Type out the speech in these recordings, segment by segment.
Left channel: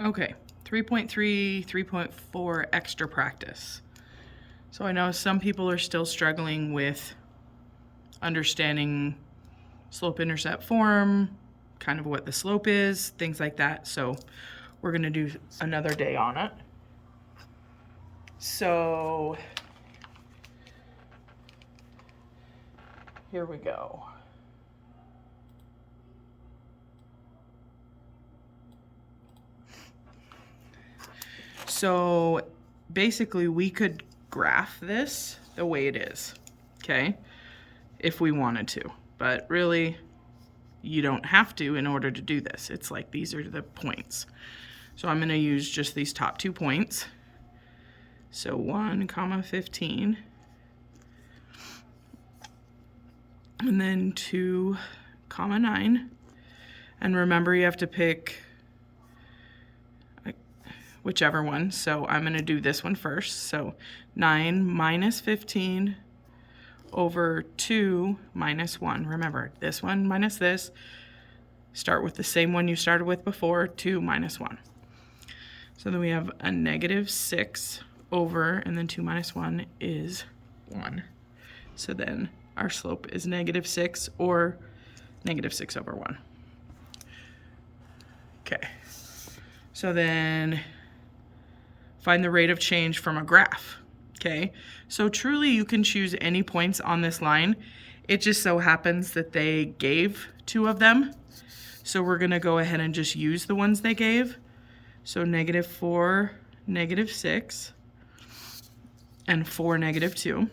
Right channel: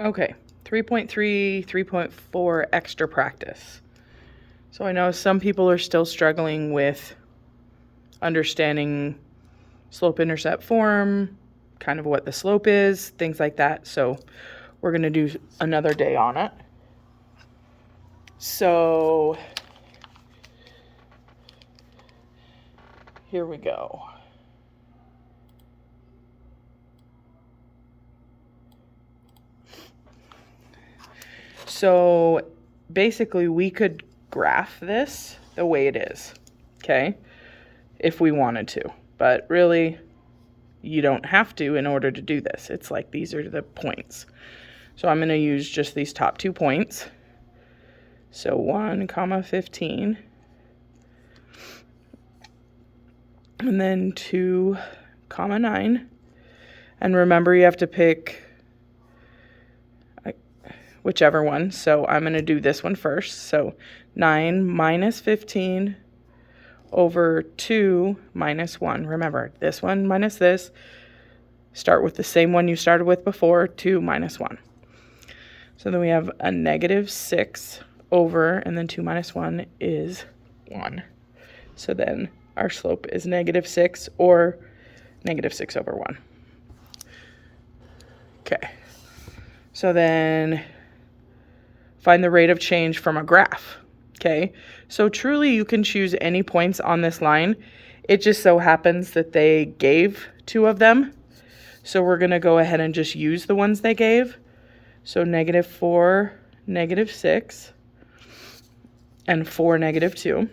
Okay, 3.3, 3.4 extra practice. So I know some people are still struggling with understanding slope-intercept form, kind of what the slope is, things like that. So we're going to do another day on it. So here we go. So basically we could graph this the way it is, okay, if we wanted to. But really, you don't have to in order to do this. It's like these are the points. So I'm going to use just these top 2 points. So 1, 15. And then 2, 9. And remember, you have to pick whichever one. So I'm going to do this one first. So 9 minus 15 over 2 minus 1. Remember, this one minus this. Start with the same one you started with before, 2 minus 1. So then we have a negative 6 over, and then 2 minus 1 is 1. So then our slope is negative 6 or negative 6 over 1. Okay. So then find the rate of change from a graph. Okay. So truly you can choose any points on this line. It just so happens that they gave 2 of them. So we're going to go ahead and just use the ones they gave. So negative 4, negative 6, and 4, negative 2.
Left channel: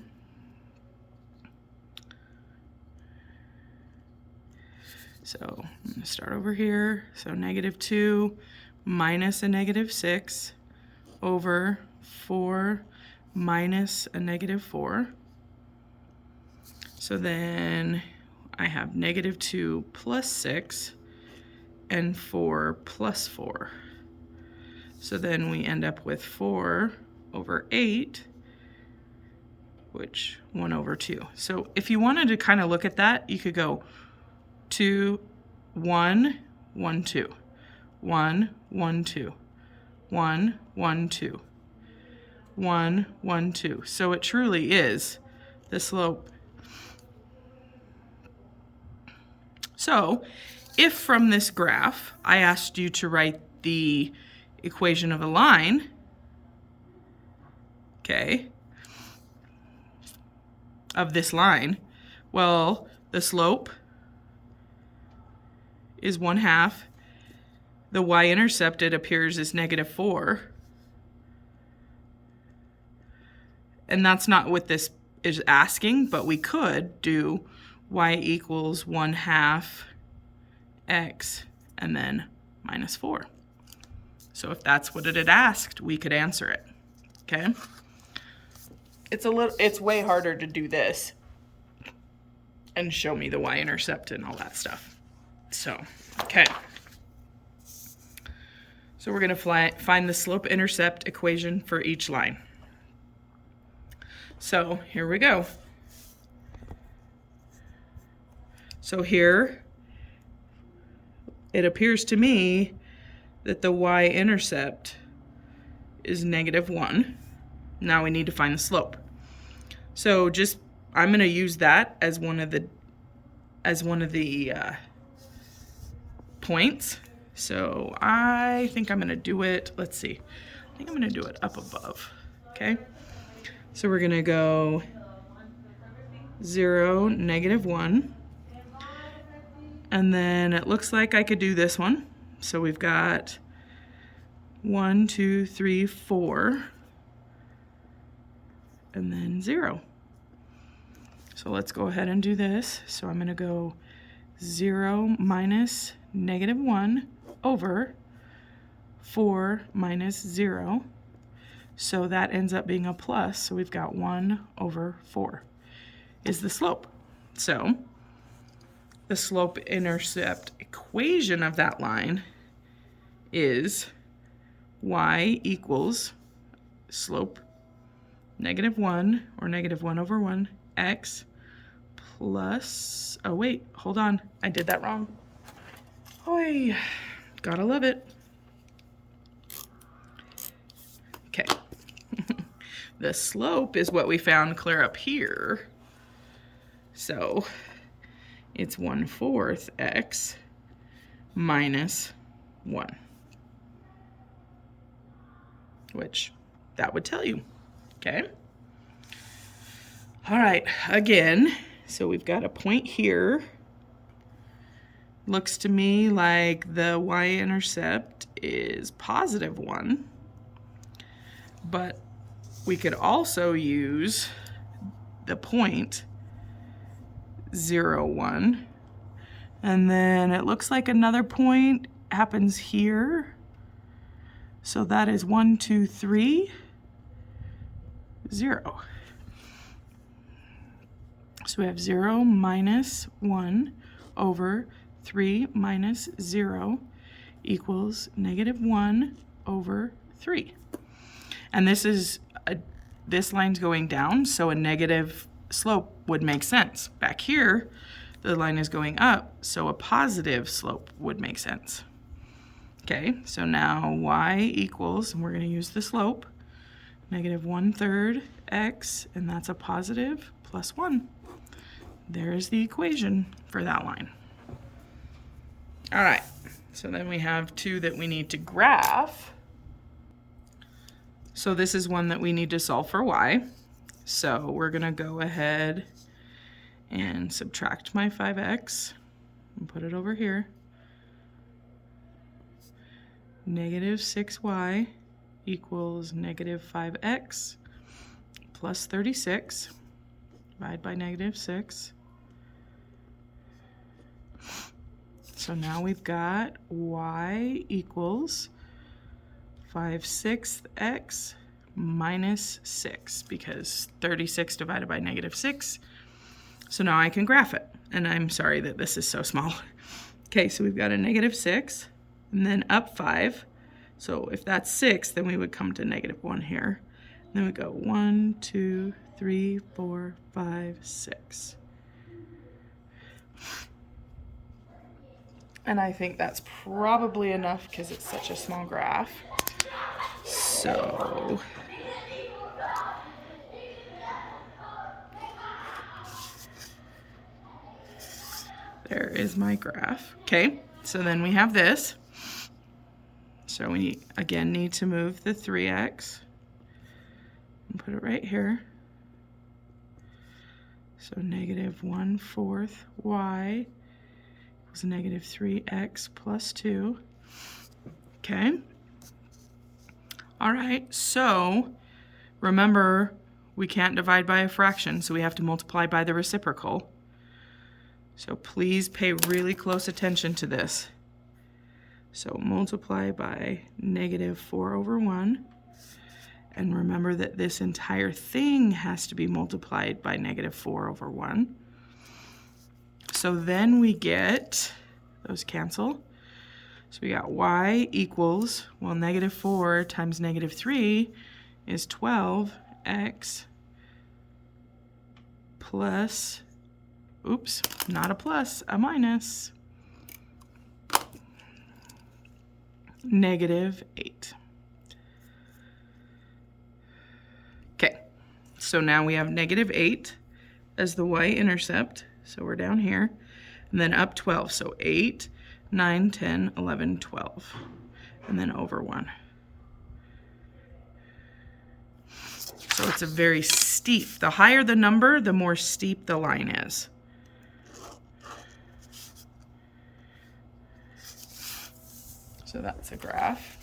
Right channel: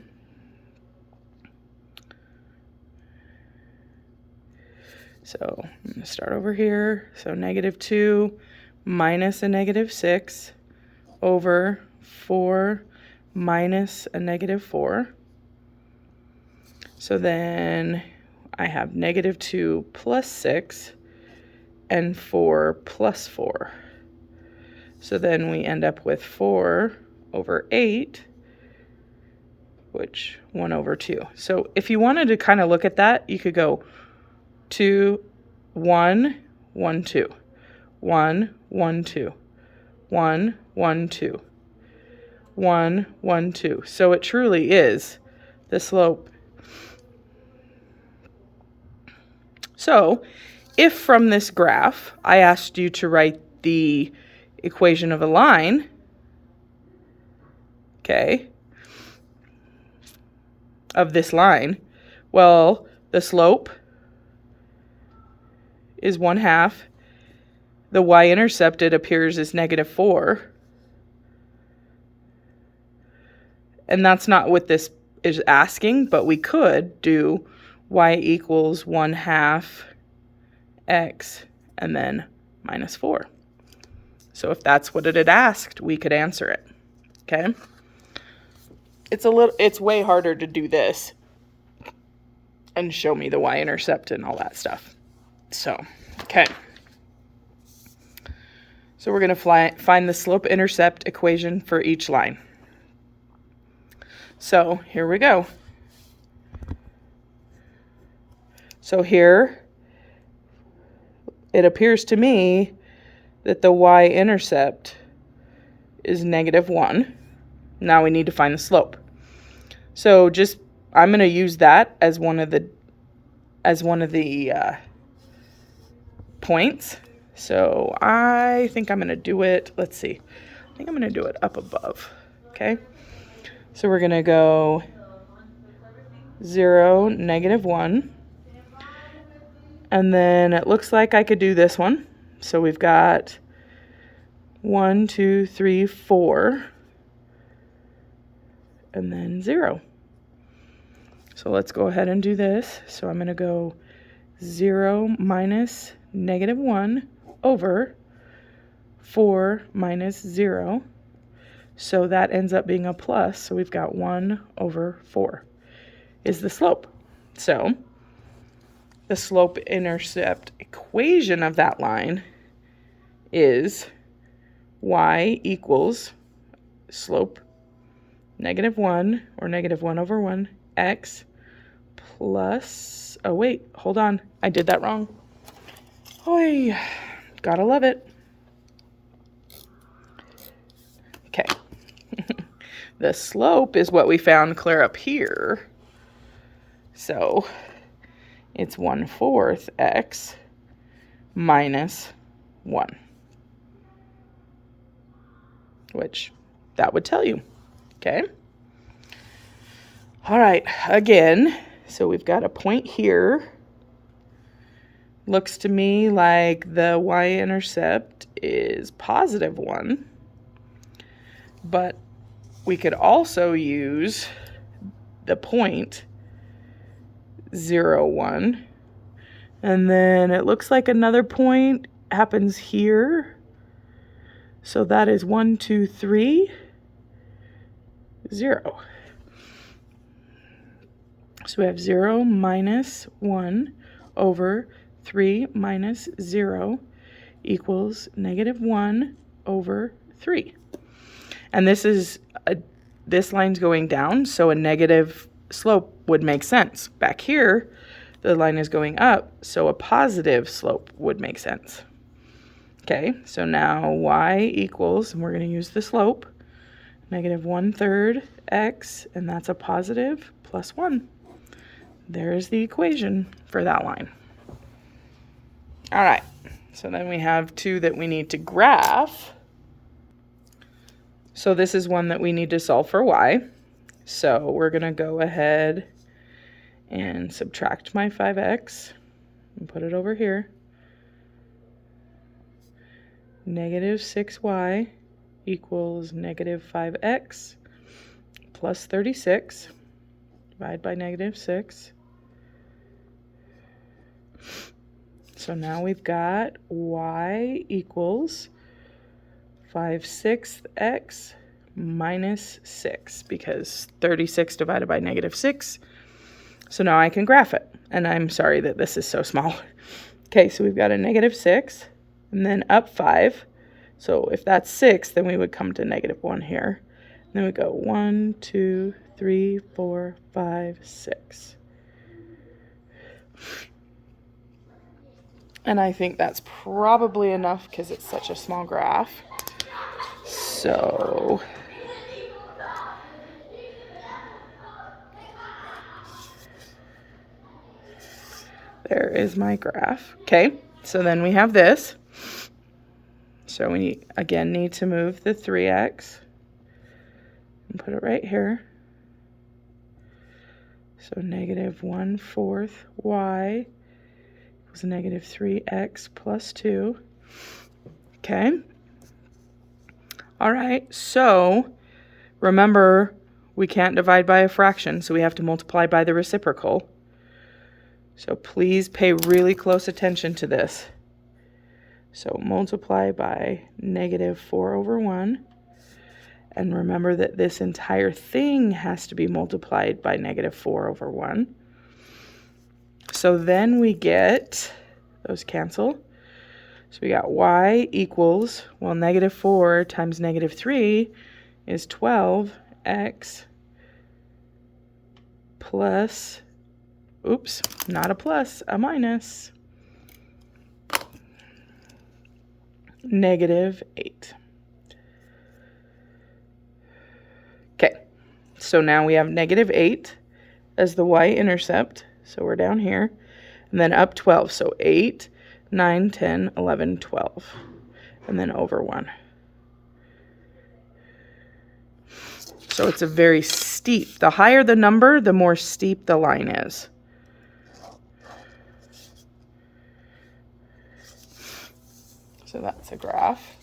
So I'm going to start over here. So negative 2 minus a negative 6 over 4 minus a negative 4. So then I have negative 2 plus 6 and 4 plus 4. So then we end up with 4 over 8, which 1 over 2. So if you wanted to kind of look at that, you could go 2, 1, 1, 2, 1, 1, 2, 1, 1, 2, 1, 1, 2. So it truly is the slope. So if from this graph I asked you to write the equation of a line, okay, of this line, well, the slope is 1/2. The y-intercept, it appears, is negative 4. And that's not what this is asking, but we could do y equals 1/2 x and then minus 4. So if that's what it had asked, we could answer it. Okay? It's way harder to do this and show me the y-intercept and all that stuff. So, okay. So we're going to find the slope-intercept equation for each line. So here we go. So here, it appears to me that the y-intercept is negative 1. Now we need to find the slope. So I'm going to use that as one of the points. So I think I'm going to do it, let's see. I think I'm going to do it up above. Okay? So we're going to go 0, negative 1. And then it looks like I could do this one. So we've got 1, 2, 3, 4. And then 0. So let's go ahead and do this. So I'm going to go 0 minus negative 1 over 4 minus 0. So that ends up being a plus. So we've got 1 over 4 is the slope. So the slope-intercept equation of that line is y equals slope negative 1 or negative 1 over 1 x plus, oh wait, hold on, I did that wrong. Oy, gotta love it. The slope is what we found clear up here. So it's 1/4 x minus 1, which that would tell you, okay? All right, again, so we've got a point here. Looks to me like the y-intercept is +1, but we could also use the point 0, 1, and then it looks like another point happens here. So that is 1, 2, 3, 0. So we have 0 minus 1 over 3 minus 0 equals -1 over 3. And this line's going down, so a negative slope would make sense. Back here, the line is going up, so a positive slope would make sense. Okay, so now y equals, and we're going to use the slope, -1/3 x, and that's a positive plus 1. There's the equation for that line. All right, so then we have two that we need to graph. So this is one that we need to solve for y. So we're going to go ahead and subtract my 5x and put it over here. -6y equals -5x plus 36. Divide by -6. So now we've got y equals 5/6 x minus 6, because 36 divided by -6. So now I can graph it. And I'm sorry that this is so small. Okay, so we've got a -6 and then up 5. So if that's 6, then we would come to -1 here. And then we go 1, 2, 3, 4, 5, 6. And I think that's probably enough because it's such a small graph. So there is my graph. Okay, so then we have this. So we again need to move the 3x and put it right here. So -1/4 y was -3x plus 2. Okay. All right, so remember, we can't divide by a fraction, so we have to multiply by the reciprocal. So please pay really close attention to this. So multiply by -4/1. And remember that this entire thing has to be multiplied by -4/1. So then we get, those cancel. So we got y equals, well, -4 times -3 is 12x plus, oops, not a plus, a minus, -8. Okay, so now we have -8 as the y-intercept. So we're down here, and then up 12. So 8, 9, 10, 11, 12, and then over 1. So it's a very steep. The higher the number, the more steep the line is. So that's a graph.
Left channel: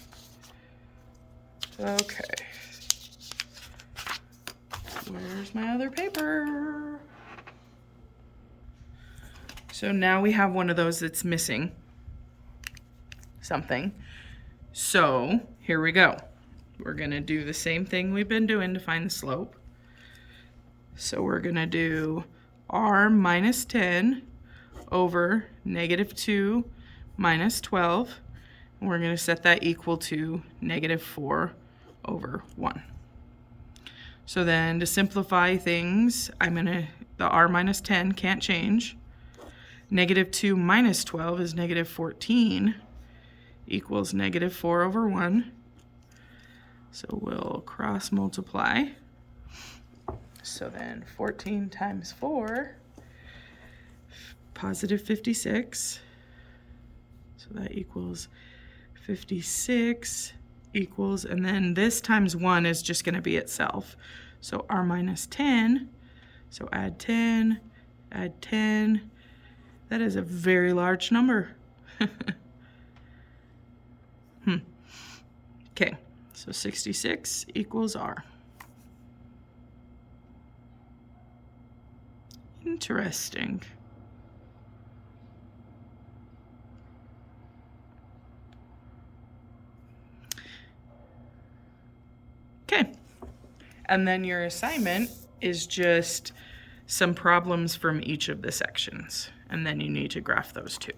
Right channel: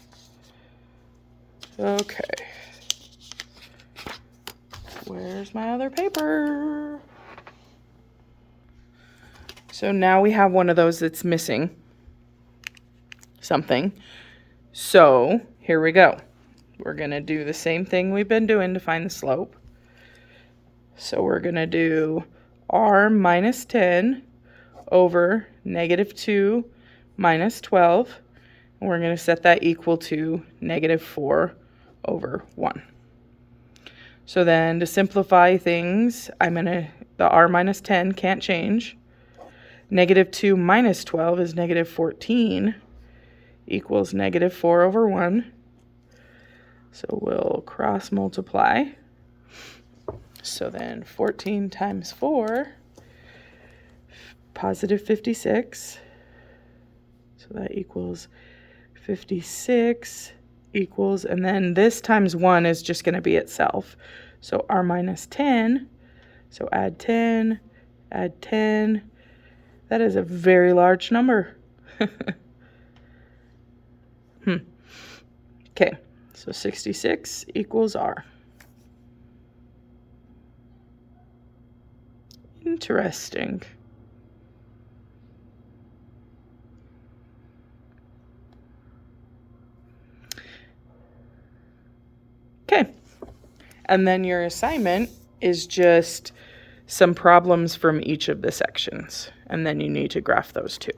Okay. Where's my other paper? So now we have one of those that's missing something. So here we go. We're going to do the same thing we've been doing to find the slope. So we're going to do r minus 10 over -2 minus 12. And we're going to set that equal to -4 over 1. So then to simplify things, the r minus 10 can't change. -2 minus 12 is -14 equals -4 over 1. So we'll cross multiply. So then 14 times 4, positive 56. So that equals 56 equals, and then this times 1 is just going to be itself. So r minus 10. So add 10, add 10. That is a very large number. Okay, so 66 equals r. Interesting. Okay, and then your assignment is just some problems from each of the sections, and then you need to graph those two.